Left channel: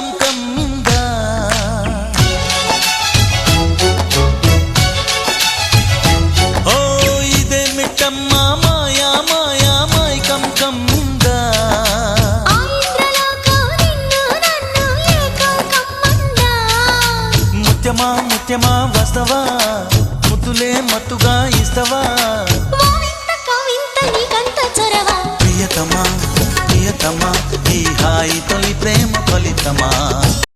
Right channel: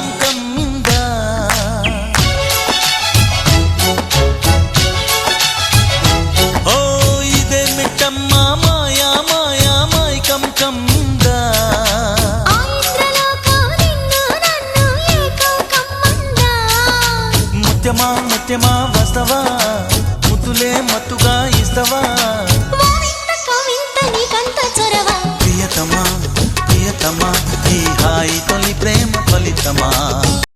come కమ్మింద ఓ ఇదే మిట్టమ్మా మాయా మాయా మాయ్ come కమ్మింద ముత్యమా ముత్యమా వస్తవా ముద్దులే మత్తుగా ఇస్తవా ప్రియతమా ప్రియతమా ఈ హాయి తొలి ప్రేమ ఫలితమా